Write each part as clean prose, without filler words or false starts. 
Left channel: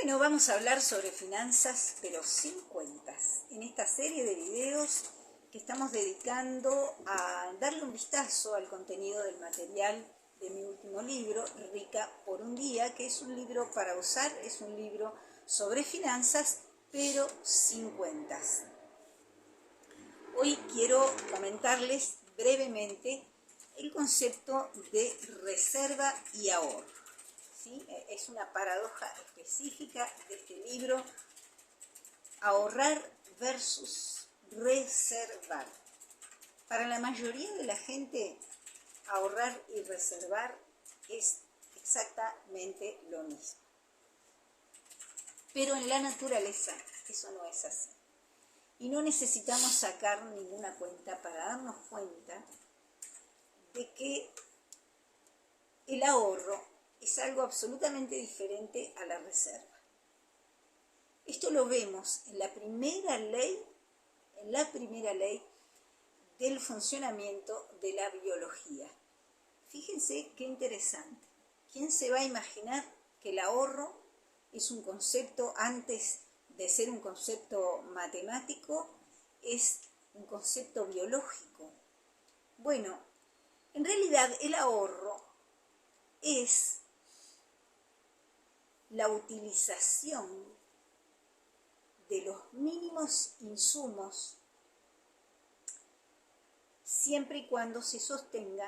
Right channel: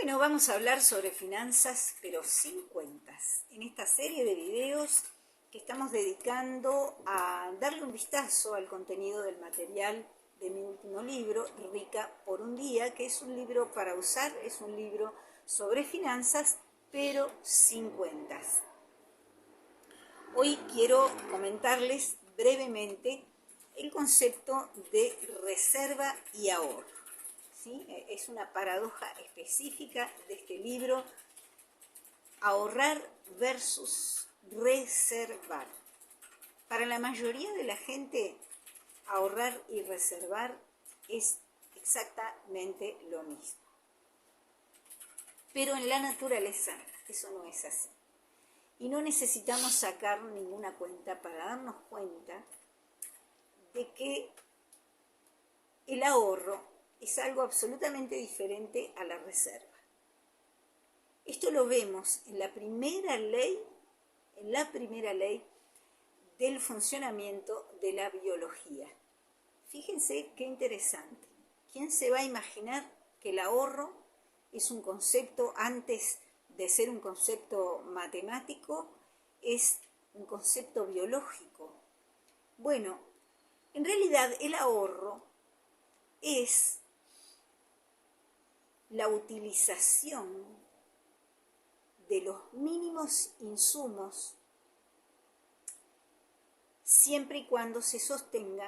Bueno, vamos a hablar sobre finanzas, pero sin cuentas. En esta serie de videos que estamos dedicando a darle un vistazo al contenido del material de mi último libro, Rica por un día, que es un libro para usar, es un libro sobre finanzas, pero sin cuentas. Hoy quiero comentarles brevemente el concepto de reserva y ahorro. ¿Sí? Es una paradoja específica de este libro, ahorrar versus reservar. Para la mayoría de la gente, ahorrar y reservar es exactamente lo mismo. Pero en la naturaleza eso no es así. Y no necesitamos sacar ninguna cuenta para darnos cuenta de que el ahorro es algo absolutamente diferente a la reserva. Esto lo vemos en la primera ley del funcionamiento de la biología. Fíjense qué interesante. ¿Quién se va a imaginar que el ahorro es un concepto, antes de ser un concepto matemático, es un concepto biológico? Bueno, en realidad el ahorro es la utilización de los mínimos insumos siempre y cuando se sostenga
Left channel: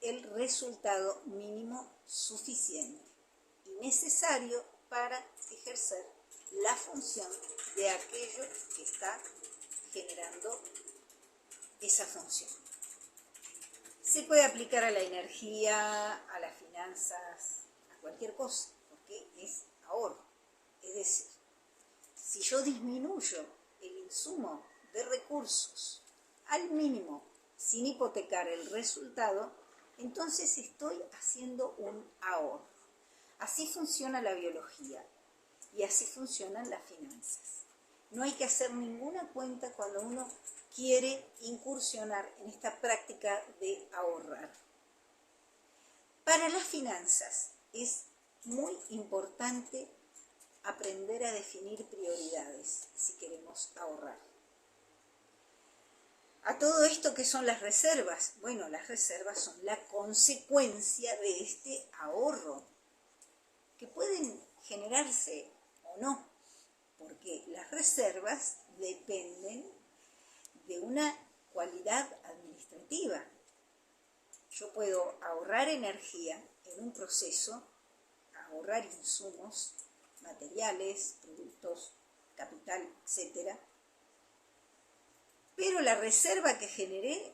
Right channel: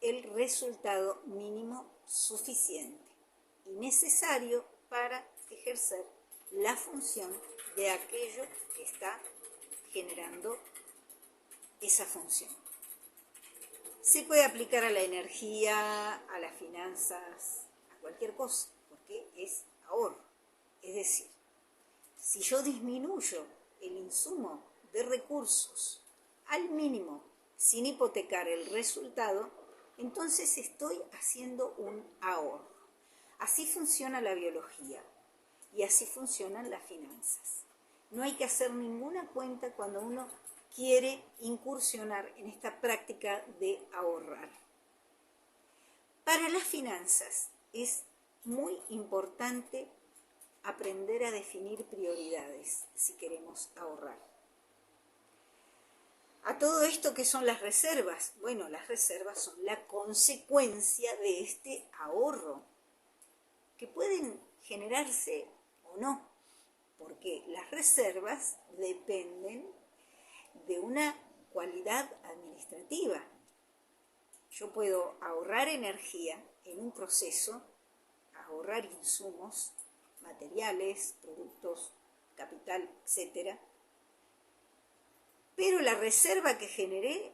el resultado mínimo suficiente y necesario para ejercer la función de aquello que está generando esa función. Se puede aplicar a la energía, a las finanzas, a cualquier cosa, porque es ahorro. Es decir, si yo disminuyo el insumo de recursos al mínimo sin hipotecar el resultado, entonces estoy haciendo un ahorro. Así funciona la biología y así funcionan las finanzas. No hay que hacer ninguna cuenta cuando uno quiere incursionar en esta práctica de ahorrar. Para las finanzas es muy importante aprender a definir prioridades si queremos ahorrar. A todo esto, ¿qué son las reservas? Bueno, las reservas son la consecuencia de este ahorro, que pueden generarse o no, porque las reservas dependen de una cualidad administrativa. Yo puedo ahorrar energía en un proceso, ahorrar insumos, materiales, productos, capital, etc. Pero la reserva que generé,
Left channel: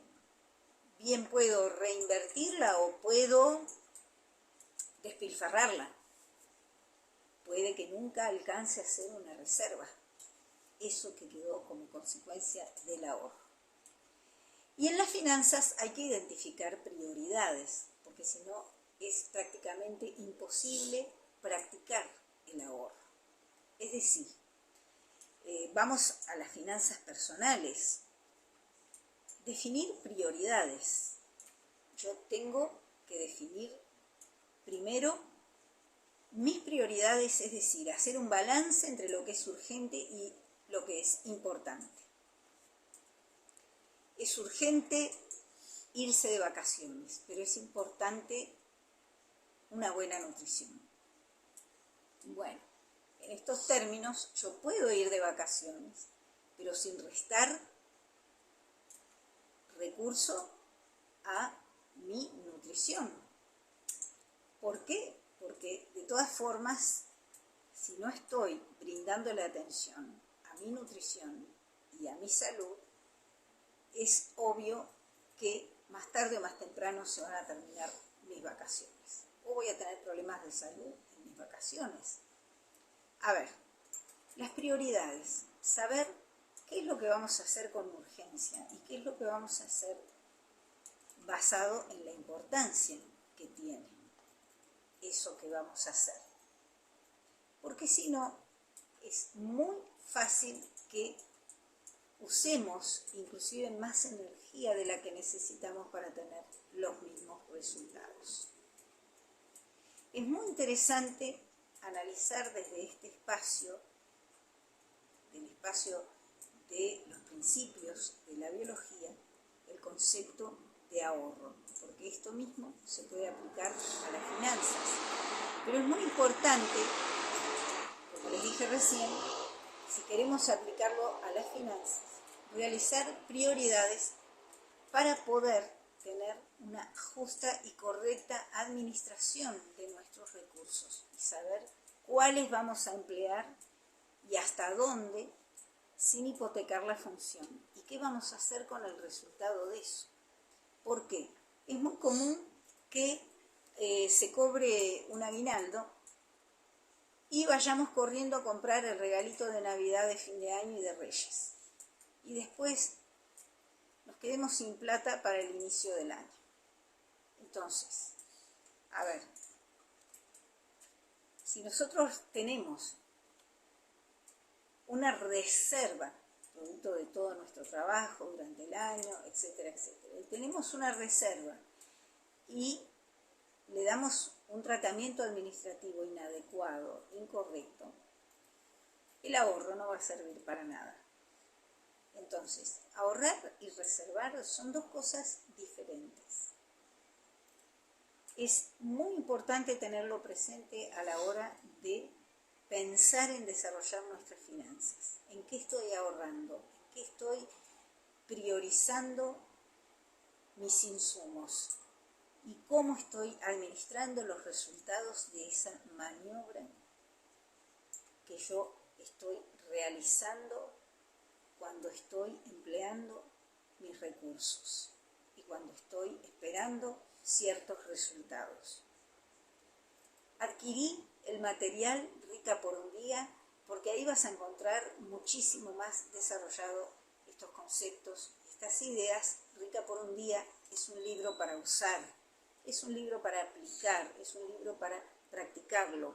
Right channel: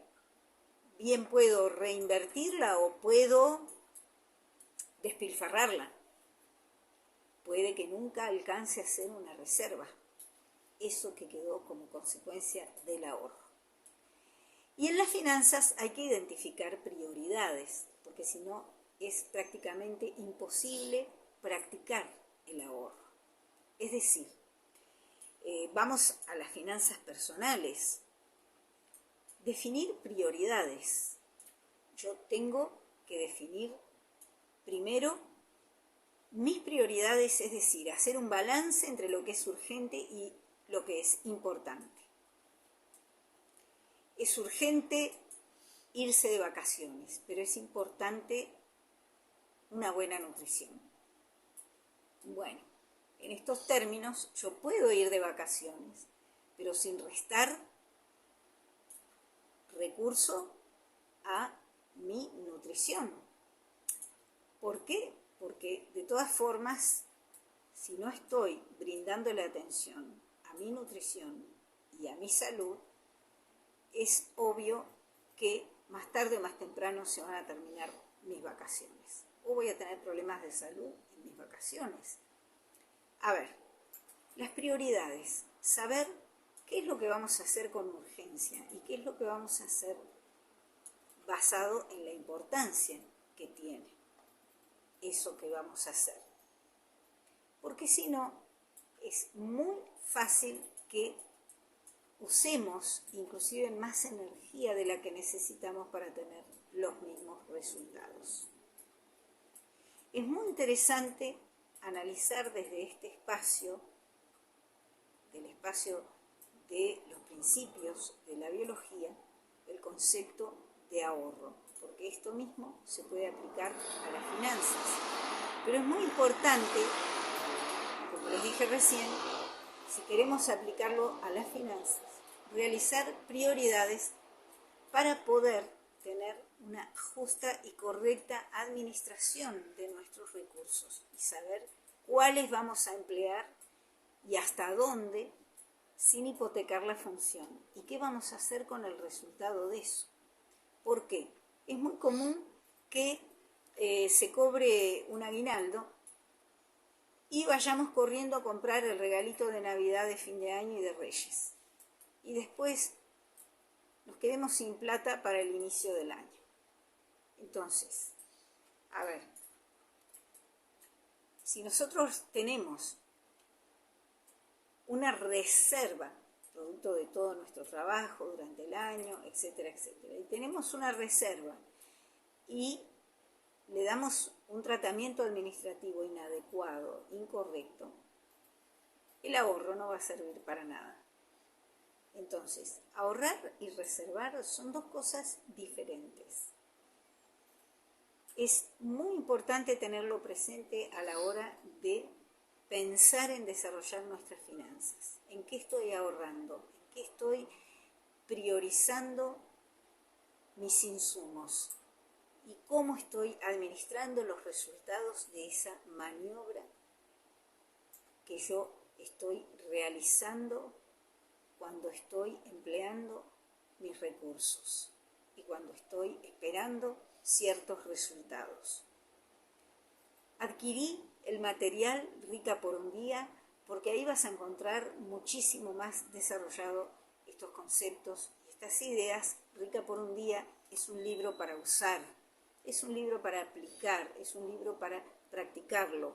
bien puedo reinvertirla o puedo despilfarrarla. Puede que nunca alcance a ser una reserva, eso que quedó como consecuencia del ahorro. Y en las finanzas hay que identificar prioridades, porque si no es prácticamente imposible practicar el ahorro. Es decir, vamos a las finanzas personales. Definir prioridades. Yo tengo que definir primero mis prioridades, es decir, hacer un balance entre lo que es urgente y lo que es importante. Es urgente irse de vacaciones, pero es importante una buena nutrición. Bueno, en estos términos yo puedo ir de vacaciones, pero sin restar recurso a mi nutrición. ¿Por qué? Porque de todas formas, si no estoy brindándole atención a mi nutrición y a mi salud, es obvio que más tarde o más temprano se van a terminar mis vacaciones. O voy a tener problemas de salud en mis vacaciones. A ver, las prioridades. Saber qué es lo que vamos a hacer con urgencia y qué es lo que vamos a hacer basado en la importancia que tiene eso que vamos a hacer. Porque si no, es muy fácil que usemos inclusive más energía de la que necesitamos para tener los mismos resultados. Es muy interesante analizar desde este espacio, del espacio de los principios de la biología, el concepto de ahorro, porque esto mismo se puede aplicar a las finanzas. Pero es muy importante, como les dije recién, si queremos aplicarlo a las finanzas, realizar prioridades para poder tener una justa y correcta administración de nuestros recursos y saber cuáles vamos a emplear y hasta dónde, sin hipotecar la función. ¿Y qué vamos a hacer con el resultado de eso? ¿Por qué? Es muy común que se cobre un aguinaldo y vayamos corriendo a comprar el regalito de Navidad, de fin de año y de Reyes. Y después nos quedemos sin plata para el inicio del año. Entonces, a ver, si nosotros tenemos una reserva, producto de todo nuestro trabajo durante el año, etcétera, etcétera, y tenemos una reserva y le damos un tratamiento administrativo inadecuado, incorrecto, el ahorro no va a servir para nada. Entonces, ahorrar y reservar son dos cosas diferentes. Es muy importante tenerlo presente a la hora de pensar en desarrollar nuestras finanzas. ¿En qué estoy ahorrando? ¿En qué estoy priorizando mis insumos? ¿Y cómo estoy administrando los resultados de esa maniobra que yo estoy realizando cuando estoy empleando mis recursos y cuando estoy esperando ciertos resultados? Adquirí el material Rica por un Día porque ahí vas a encontrar muchísimo más desarrollado estos conceptos, estas ideas. Rica por un Día es un libro para usar, es un libro para aplicar, es un libro para practicarlo,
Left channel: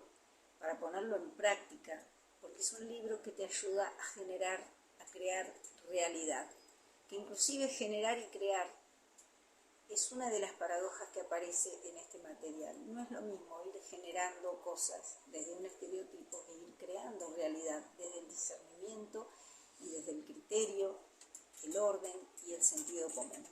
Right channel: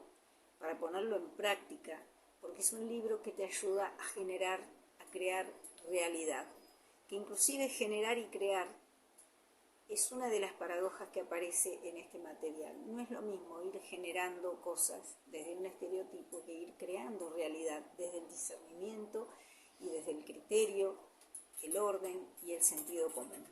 para ponerlo en práctica, porque es un libro que te ayuda a generar, a crear realidad, que inclusive generar y crear es una de las paradojas que aparece en este material. No es lo mismo ir generando cosas desde un estereotipo que ir creando realidad desde el discernimiento y desde el criterio, el orden y el sentido común.